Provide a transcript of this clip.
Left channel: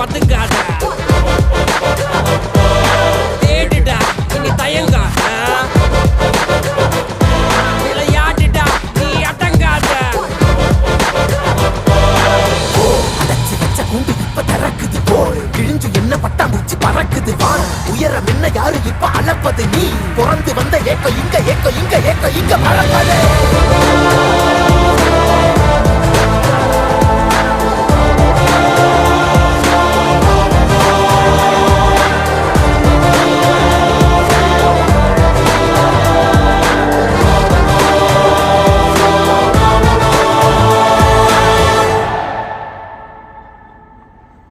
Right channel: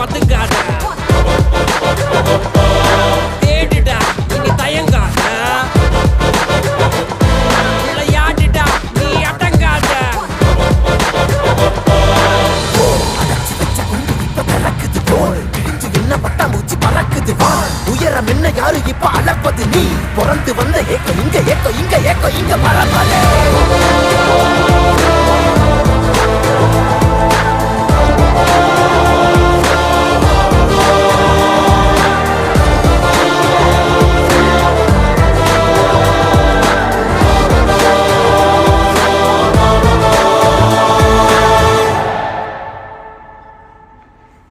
பதுங்காத, தேடுடா இனி தயங்காத, விளையாடுடா நீ அடங்காத. பட்டாம்பூச்சி பறக்குது, உயரம் என்ன யாரு இப்ப அளப்பது, நீ வாழ்ந்து வந்த ஏக்கம் இங்க ஏக்கம் இங்க ஏக்கம் இங்க பரம்பரை.